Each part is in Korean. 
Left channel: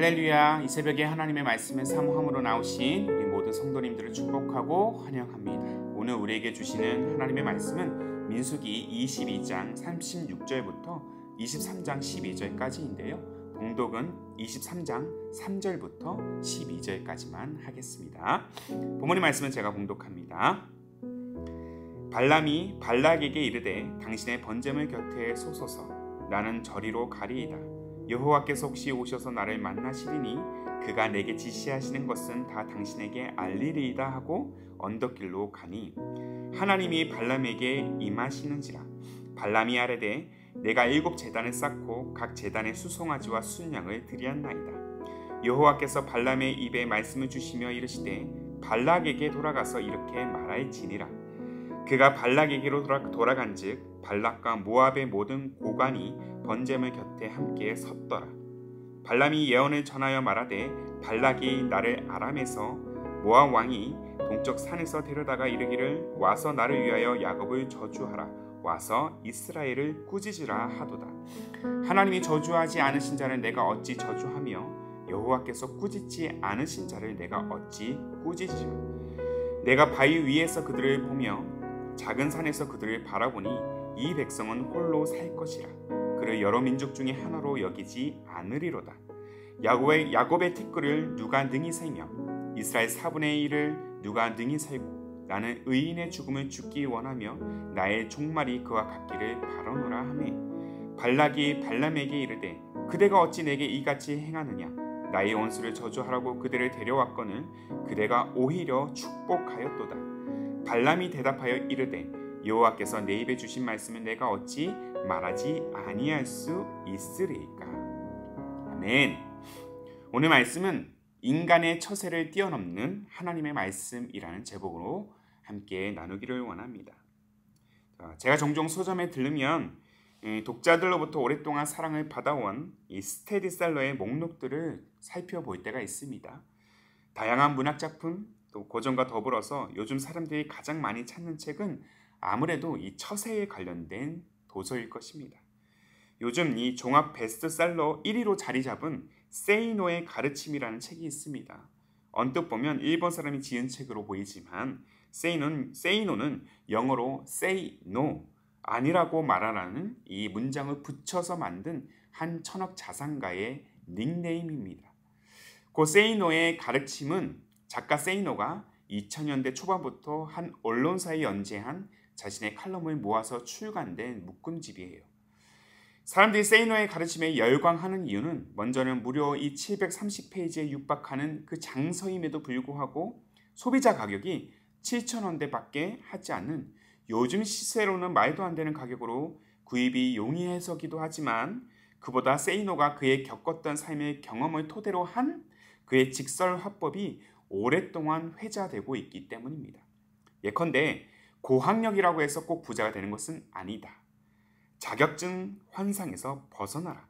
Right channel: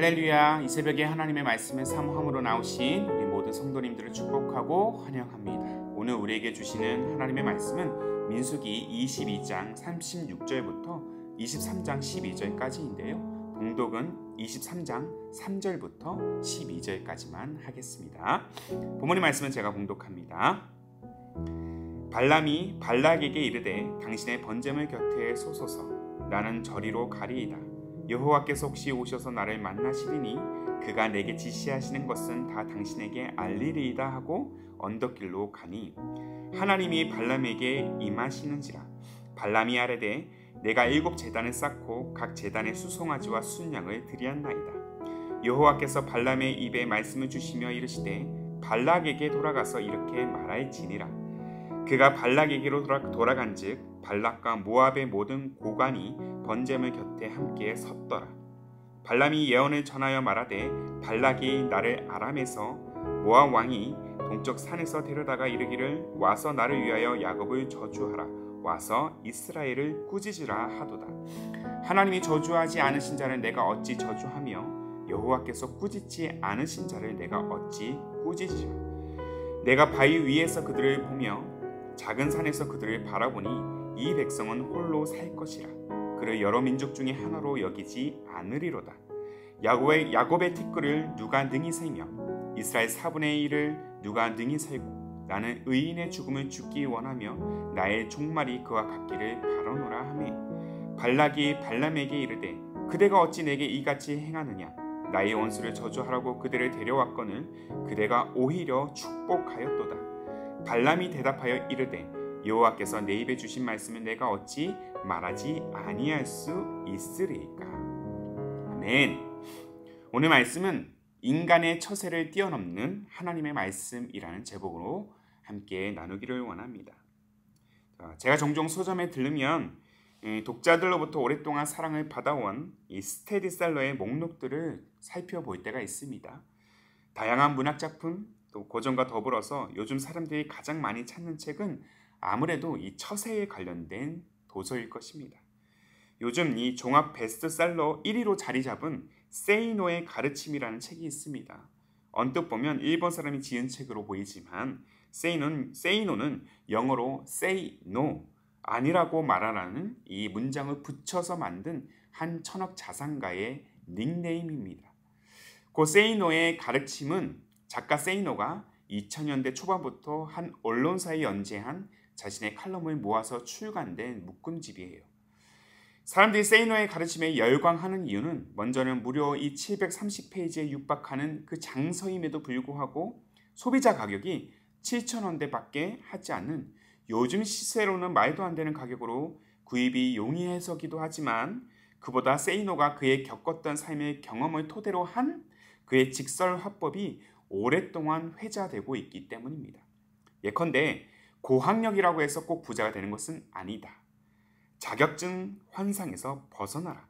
할렐루야. 이 새벽에 하나님의 말씀을 사모함으로 나오신 우리 모든 성도님들을 축복하고 환영합니다. 오늘 우리에게 주시는 하나님의 말씀은 민수기 22장 36절부터 23장 12절까지인데요. 봉독은 23장 3절부터 12절까지만 하겠습니다. 본문의 말씀은 제가 봉독합니다. 발람이 발락에게 이르되 당신의 번제물 곁에 쏘소서. 나는 저리로 가리이다. 여호와께서 혹시 오셔서 나를 만나시리니 그가 내게 지시하시는 것은 다 당신에게 알리리이다 하고 언덕길로 가니 하나님이 발람에게 임하시는지라. 발람이 아뢰되 내가 7 제단을 쌓고 각 제단에 수송아지와 순양을 드리었나이다. 여호와께서 발람의 입에 말씀을 주시며 이르시되 발락에게 돌아가서 이렇게 말할지니라. 그가 발락에게로 돌아간즉 발락과 모압의 모든 고관이 번제물 곁에 함께 섰더라. 발람이 예언을 전하여 말하되 발락이 나를 아람에서 모압 왕이 동쪽 산에서 데려다가 이르기를 와서 나를 위하여 야곱을 저주하라. 와서 이스라엘을 꾸짖으라 하도다. 하나님이 저주하지 않으신 자를 내가 어찌 저주하며 여호와께서 꾸짖지 않으신 자를 내가 어찌 꾸짖으리라. 내가 바위 위에서 그들을 보며 작은 산에서 그들을 바라보니 이 백성은 홀로 살 것이라. 그를 여러 민족 중에 하나로 여기지 않으리로다. 야곱의 티끌을 누가 능히 세며 이스라엘 4분의 1을 누가 능히 세고 나는 의인의 죽음을 죽기 원하며 나의 종말이 그와 같기를 바라노라 하매 발락이 발람에게 이르되 그대가 어찌 내게 이같이 행하느냐. 나의 원수를 저주하라고 그대를 데려왔거늘 그대가 오히려 축복하였도다. 발람이 대답하여 이르되 여호와께서 내 입에 주신 말씀은 내가 어찌 말하지 아니할 수 있으리까. 아멘. 오늘 말씀은 인간의 처세를 뛰어넘는 하나님의 말씀이라는 제목으로 함께 나누기를 원합니다. 제가 종종 서점에 들르면 독자들로부터 오랫동안 사랑을 받아온 이 스테디셀러의 목록들을 살펴볼 때가 있습니다. 다양한 문학작품 또 고전과 더불어서 요즘 사람들이 가장 많이 찾는 책은 아무래도 이 처세에 관련된 도서일 것입니다. 요즘 이 종합 베스트셀러 1위로 자리 잡은 세이노의 가르침이라는 책이 있습니다. 언뜻 보면 일본 사람이 지은 책으로 보이지만 세이노는 영어로 say no, 아니라고 말하라는 이 문장을 붙여서 만든 한 천억 자산가의 닉네임입니다. 그 세이노의 가르침은 작가 세이노가 2000년대 초반부터 한 언론사에 연재한 자신의 칼럼을 모아서 출간된 묶음집이에요. 사람들이 세이노의 가르침에 열광하는 이유는 먼저는 무려 이 730페이지에 육박하는 그 장서임에도 불구하고 소비자 가격이 7,000원대밖에 하지 않는 요즘 시세로는 말도 안 되는 가격으로 구입이 용이해서기도 하지만 그보다 세이노가 그의 겪었던 삶의 경험을 토대로 한 그의 직설 화법이 오랫동안 회자되고 있기 때문입니다. 예컨대 고학력이라고 해서 꼭 부자가 되는 것은 아니다. 자격증 환상에서 벗어나라.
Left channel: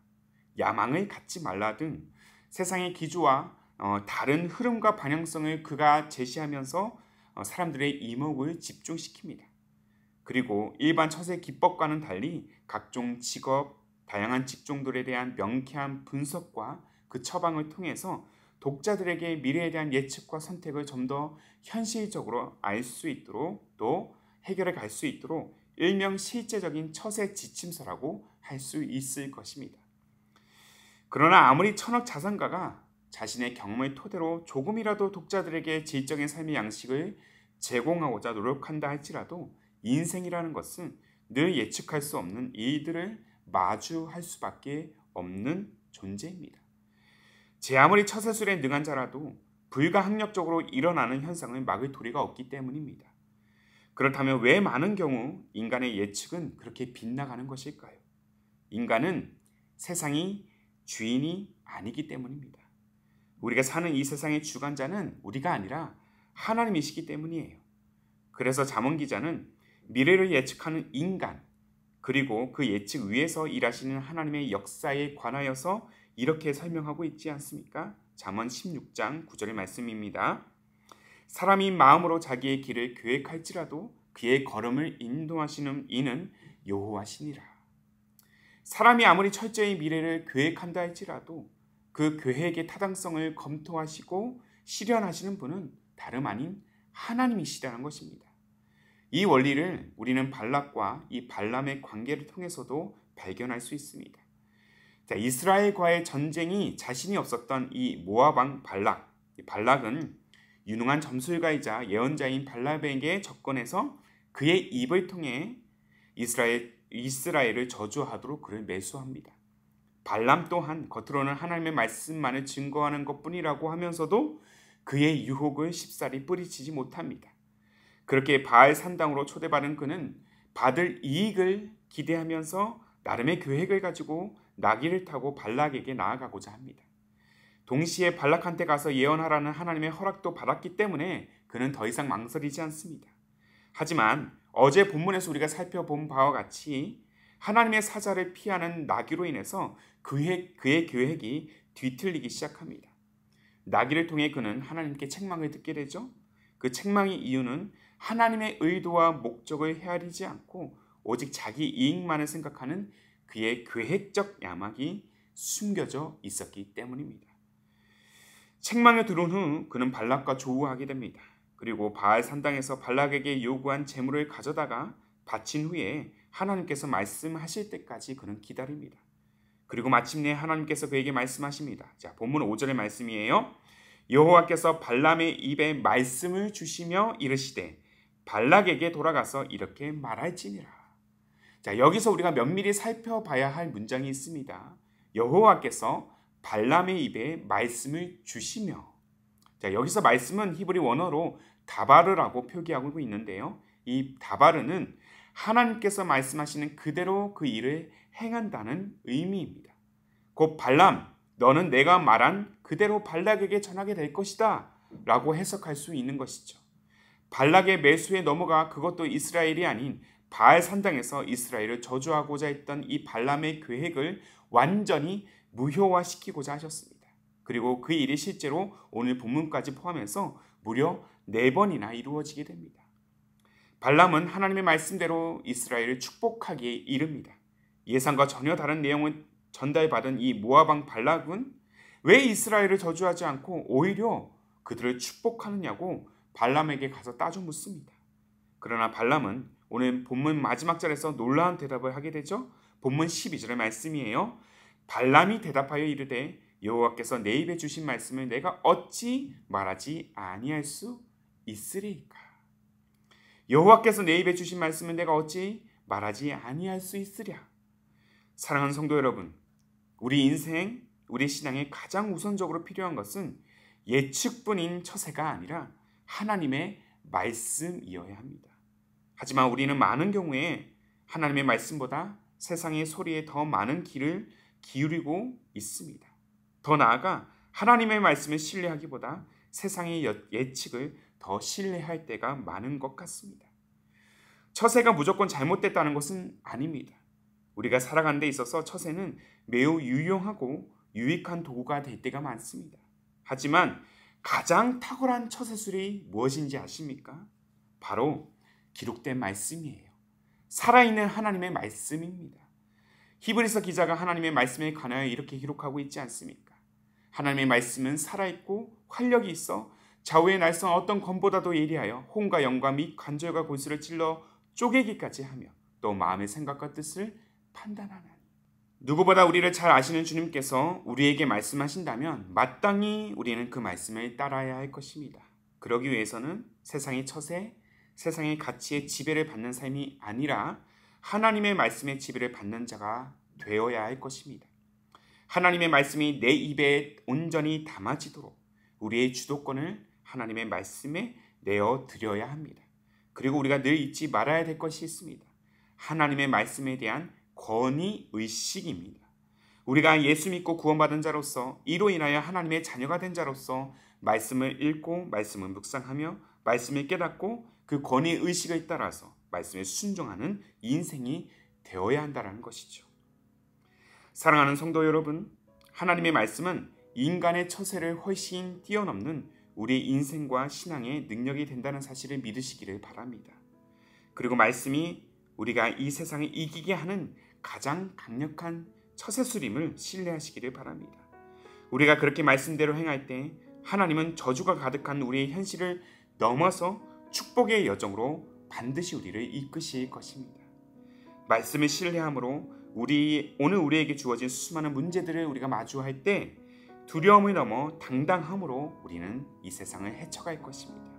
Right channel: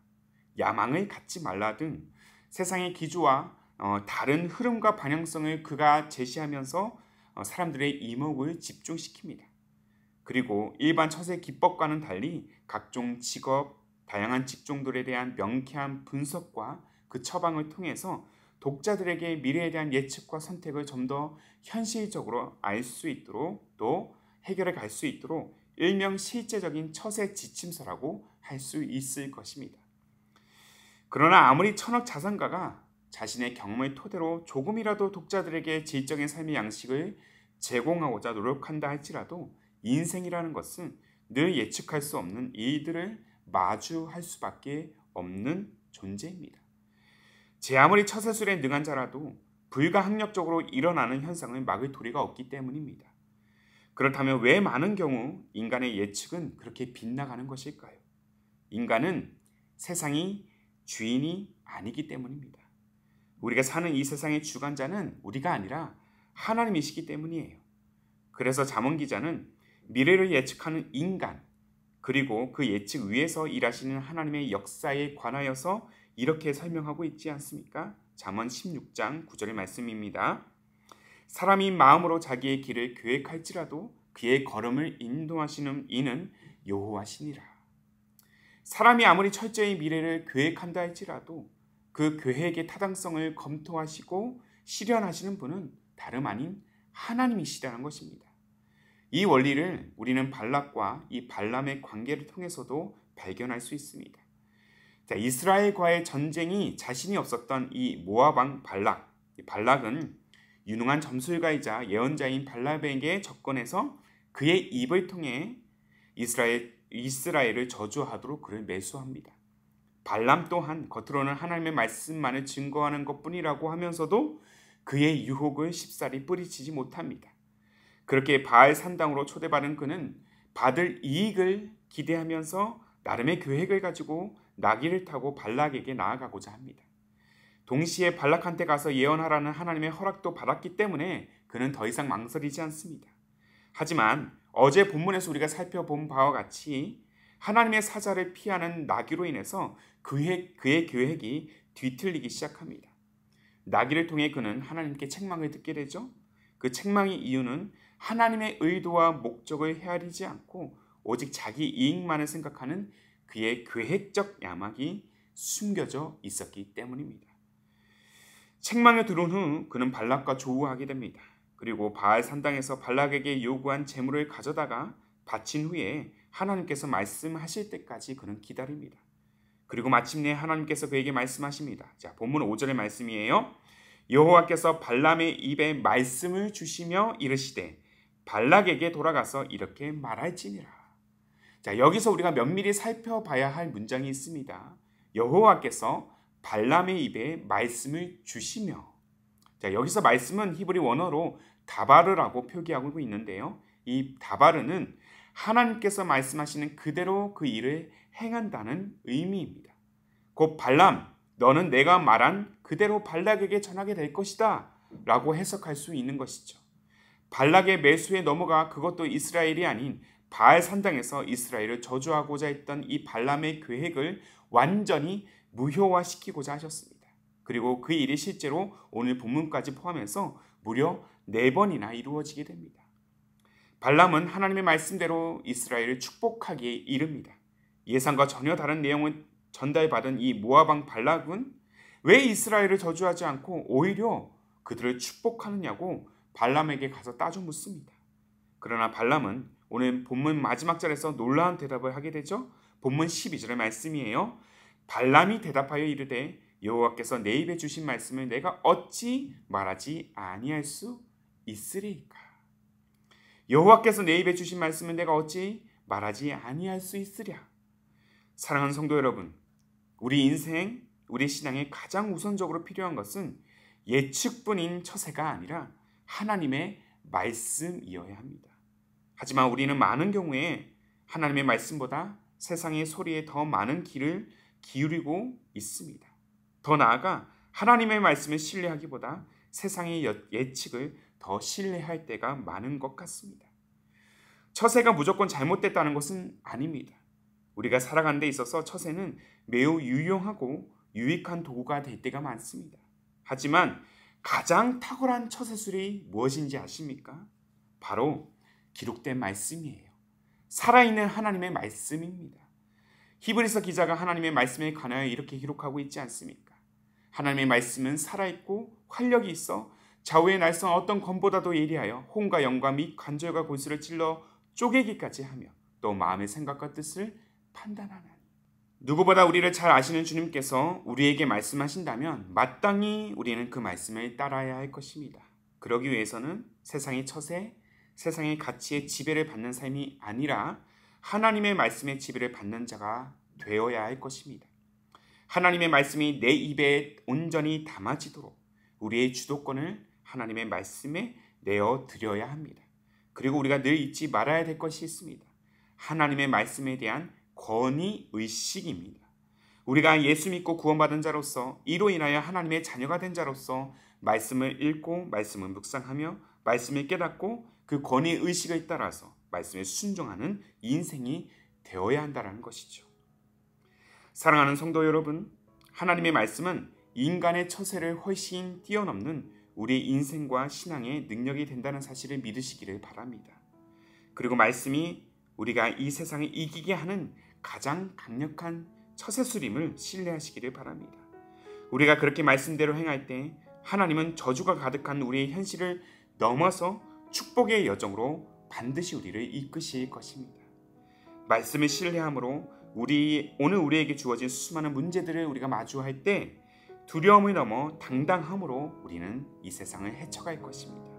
야망을 갖지 말라 등 세상의 기조와 다른 흐름과 방향성을 그가 제시하면서 사람들의 이목을 집중시킵니다. 그리고 일반 처세 기법과는 달리 각종 직업, 다양한 직종들에 대한 명쾌한 분석과 그 처방을 통해서 독자들에게 미래에 대한 예측과 선택을 좀 더 현실적으로 알 수 있도록 또 해결해 갈 수 있도록 일명 실제적인 처세 지침서라고 할 수 있을 것입니다. 그러나 아무리 천억 자산가가 자신의 경험을 토대로 조금이라도 독자들에게 질적인 삶의 양식을 제공하고자 노력한다 할지라도 인생이라는 것은 늘 예측할 수 없는 일들을 마주할 수밖에 없는 존재입니다. 제 아무리 처세술에 능한 자라도 불가항력적으로 일어나는 현상을 막을 도리가 없기 때문입니다. 그렇다면 왜 많은 경우 인간의 예측은 그렇게 빗나가는 것일까요? 인간은 세상이 주인이 아니기 때문입니다. 우리가 사는 이 세상의 주관자는 우리가 아니라 하나님이시기 때문이에요. 그래서 잠언 기자는 미래를 예측하는 인간 그리고 그 예측 위에서 일하시는 하나님의 역사에 관하여서 이렇게 설명하고 있지 않습니까? 잠언 16장 9절의 말씀입니다. 사람이 마음으로 자기의 길을 계획할지라도 그의 걸음을 인도하시는 이는 여호와시니라. 사람이 아무리 철저히 미래를 계획한다 할지라도 그 계획의 타당성을 검토하시고 실현하시는 분은 다름 아닌 하나님이시라는 것입니다. 이 원리를 우리는 발락과 이 발람의 관계를 통해서도 발견할 수 있습니다. 자, 이스라엘과의 전쟁이 자신이 없었던 이 모압 왕 발락. 발락은 유능한 점술가이자 예언자인 발람에게 접근해서 그의 입을 통해 이스라엘을 저주하도록 그를 매수합니다. 발람 또한 겉으로는 하나님의 말씀만을 증거하는 것뿐이라고 하면서도 그의 유혹을 쉽사리 뿌리치지 못합니다. 그렇게 바알 산당으로 초대받은 그는 받을 이익을 기대하면서 나름의 계획을 가지고 나귀를 타고 발락에게 나아가고자 합니다. 동시에 발락한테 가서 예언하라는 하나님의 허락도 받았기 때문에 그는 더 이상 망설이지 않습니다. 하지만 어제 본문에서 우리가 살펴본 바와 같이 하나님의 사자를 피하는 나귀로 인해서 그의 계획이 뒤틀리기 시작합니다. 나귀를 통해 그는 하나님께 책망을 듣게 되죠. 그 책망의 이유는 하나님의 의도와 목적을 헤아리지 않고 오직 자기 이익만을 생각하는 그의 계획적 야망이 숨겨져 있었기 때문입니다. 책망을 들은 후 그는 발락과 조우하게 됩니다. 그리고 바알 산당에서 발락에게 요구한 재물을 가져다가 바친 후에 하나님께서 말씀하실 때까지 그는 기다립니다. 그리고 마침내 하나님께서 그에게 말씀하십니다. 자, 본문 5절의 말씀이에요. 여호와께서 발람의 입에 말씀을 주시며 이르시되 발락에게 돌아가서 이렇게 말할지니라. 자, 여기서 우리가 면밀히 살펴봐야 할 문장이 있습니다. 여호와께서 발람의 입에 말씀을 주시며. 자, 여기서 말씀은 히브리 원어로 다바르라고 표기하고 있는데요. 이 다바르는 하나님께서 말씀하시는 그대로 그 일을 행한다는 의미입니다. 곧 발람, 너는 내가 말한 그대로 발락에게 전하게 될 것이다 라고 해석할 수 있는 것이죠. 발락의 매수에 넘어가 그것도 이스라엘이 아닌 바알 산당에서 이스라엘을 저주하고자 했던 이 발람의 계획을 완전히 무효화시키고자 하셨습니다. 그리고 그 일이 실제로 오늘 본문까지 포함해서 무려 4번이나 이루어지게 됩니다. 발람은 하나님의 말씀대로 이스라엘을 축복하기에 이릅니다. 예상과 전혀 다른 내용을 전달받은 이 모압 왕 발락은 왜 이스라엘을 저주하지 않고 오히려 그들을 축복하느냐고 발람에게 가서 따져 묻습니다. 그러나 발람은 오늘 본문 마지막 절에서 놀라운 대답을 하게 되죠. 본문 12절의 말씀이에요. 발람이 대답하여 이르되 여호와께서 내 입에 주신 말씀을 내가 어찌 말하지 아니할 수 있으리까? 여호와께서 내 입에 주신 말씀을 내가 어찌 말하지 아니할 수 있으랴? 사랑하는 성도 여러분, 우리 인생, 우리 신앙에 가장 우선적으로 필요한 것은 예측뿐인 처세가 아니라 하나님의 말씀이어야 합니다. 하지만 우리는 많은 경우에 하나님의 말씀보다 세상의 소리에 더 많은 귀를 기울이고 있습니다. 더 나아가 하나님의 말씀을 신뢰하기보다 세상의 예측을 더 신뢰할 때가 많은 것 같습니다. 처세가 무조건 잘못됐다는 것은 아닙니다. 우리가 살아가는 데 있어서 처세는 매우 유용하고 유익한 도구가 될 때가 많습니다. 하지만 가장 탁월한 처세술이 무엇인지 아십니까? 바로 기록된 말씀이에요. 살아있는 하나님의 말씀입니다. 히브리서 기자가 하나님의 말씀에 관하여 이렇게 기록하고 있지 않습니까? 하나님의 말씀은 살아있고 활력이 있어 좌우의 날선 어떤 검보다도 예리하여 혼과 영과 및 관절과 골수를 찔러 쪼개기까지 하며 또 마음의 생각과 뜻을 판단하나니. 누구보다 우리를 잘 아시는 주님께서 우리에게 말씀하신다면 마땅히 우리는 그 말씀을 따라야 할 것입니다. 그러기 위해서는 세상의 처세, 세상의 가치의 지배를 받는 삶이 아니라 하나님의 말씀의 지배를 받는 자가 되어야 할 것입니다. 하나님의 말씀이 내 입에 온전히 담아지도록 우리의 주도권을 하나님의 말씀에 내어 드려야 합니다. 그리고 우리가 늘 잊지 말아야 될 것이 있습니다. 하나님의 말씀에 대한 권위의식입니다. 우리가 예수 믿고 구원받은 자로서 이로 인하여 하나님의 자녀가 된 자로서 말씀을 읽고 말씀을 묵상하며 말씀을 깨닫고 그 권위의식을 따라서 말씀에 순종하는 인생이 되어야 한다는 것이죠. 사랑하는 성도 여러분, 하나님의 말씀은 인간의 처세를 훨씬 뛰어넘는 우리 인생과 신앙의 능력이 된다는 사실을 믿으시기를 바랍니다. 그리고 말씀이 우리가 이 세상을 이기게 하는 가장 강력한 처세술임을 신뢰하시기를 바랍니다. 우리가 그렇게 말씀대로 행할 때 하나님은 저주가 가득한 우리의 현실을 넘어서 축복의 여정으로 반드시 우리를 이끄실 것입니다. 말씀을 신뢰함으로 오늘 우리에게 주어진 수많은 문제들을 우리가 마주할 때 두려움을 넘어 당당함으로 우리는 이 세상을 헤쳐갈 것입니다.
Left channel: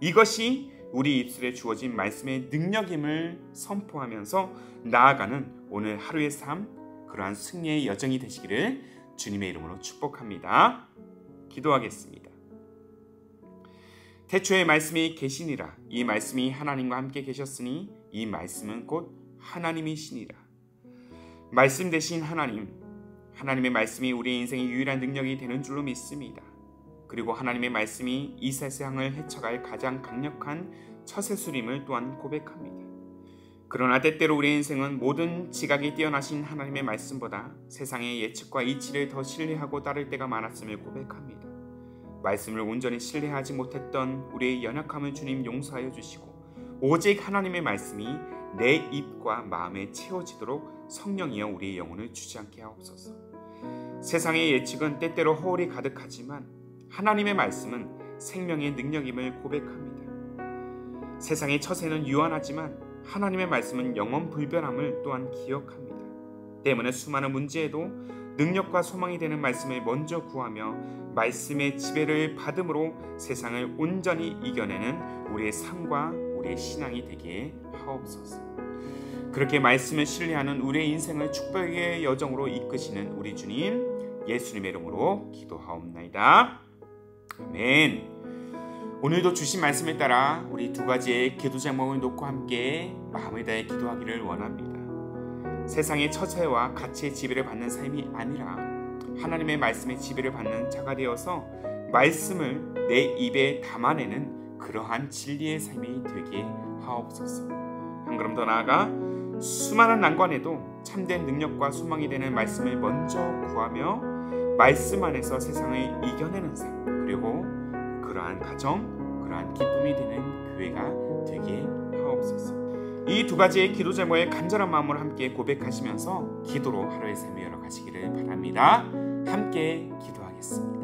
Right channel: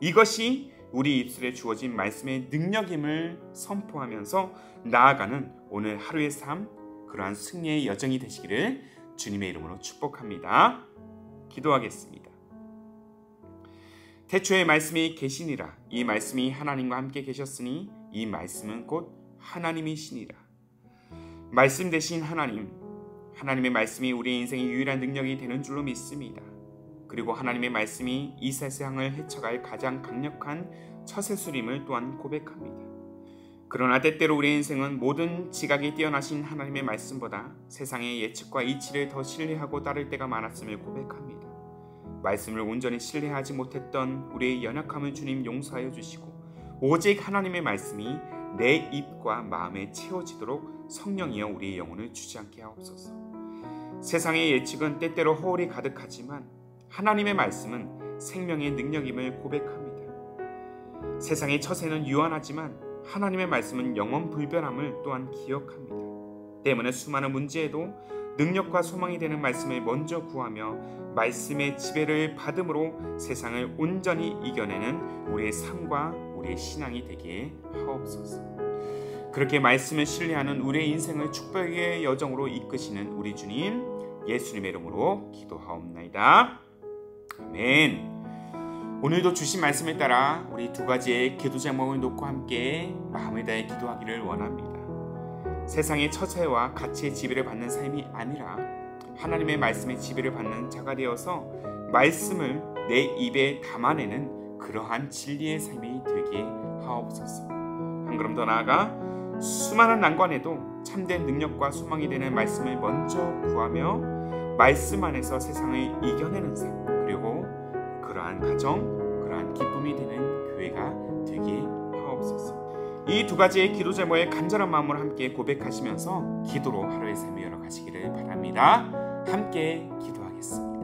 이것이 우리 입술에 주어진 말씀의 능력임을 선포하면서 나아가는 오늘 하루의 삶, 그러한 승리의 여정이 되시기를 주님의 이름으로 축복합니다. 기도하겠습니다. 태초에 말씀이 계시니라. 이 말씀이 하나님과 함께 계셨으니 이 말씀은 곧 하나님이시니라. 말씀 되신 하나님, 하나님의 말씀이 우리의 인생의 유일한 능력이 되는 줄로 믿습니다. 그리고 하나님의 말씀이 이 세상을 헤쳐갈 가장 강력한 처세술임을 또한 고백합니다. 그러나 때때로 우리의 인생은 모든 지각이 뛰어나신 하나님의 말씀보다 세상의 예측과 이치를 더 신뢰하고 따를 때가 많았음을 고백합니다. 말씀을 온전히 신뢰하지 못했던 우리의 연약함을 주님 용서하여 주시고 오직 하나님의 말씀이 내 입과 마음에 채워지도록 성령이여 우리의 영혼을 주지않게 하옵소서. 세상의 예측은 때때로 허울이 가득하지만 하나님의 말씀은 생명의 능력임을 고백합니다. 세상의 처세는 유한하지만 하나님의 말씀은 영원 불변함을 또한 기억합니다. 때문에 수많은 문제에도 능력과 소망이 되는 말씀을 먼저 구하며 말씀의 지배를 받음으로 세상을 온전히 이겨내는 우리의 삶과 우리의 신앙이 되게 하옵소서. 그렇게 말씀을 신뢰하는 우리의 인생을 축복의 여정으로 이끄시는 우리 주님 예수님의 이름으로 기도하옵나이다. 아멘. 오늘도 주신 말씀에 따라 우리 두 가지의 기도 제목을 놓고 함께 마음을 다해 기도하기를 원합니다. 세상의 처세와 가치의 지배를 받는 삶이 아니라 하나님의 말씀의 지배를 받는 자가 되어서 말씀을 내 입에 담아내는 그러한 진리의 삶이 되게 하옵소서. 한 걸음 더 나아가 수많은 난관에도 참된 능력과 소망이 되는 말씀을 먼저 구하며 말씀 안에서 세상을 이겨내는 삶, 그리고 그러한 가정, 그러한 기쁨이 되는 교회가 되게 하옵소서. 이 두 가지의 기도 제목에 간절한 마음으로 함께 고백하시면서 기도로 하루의 삶을 열어가시기를 바랍니다. 함께 기도하겠습니다.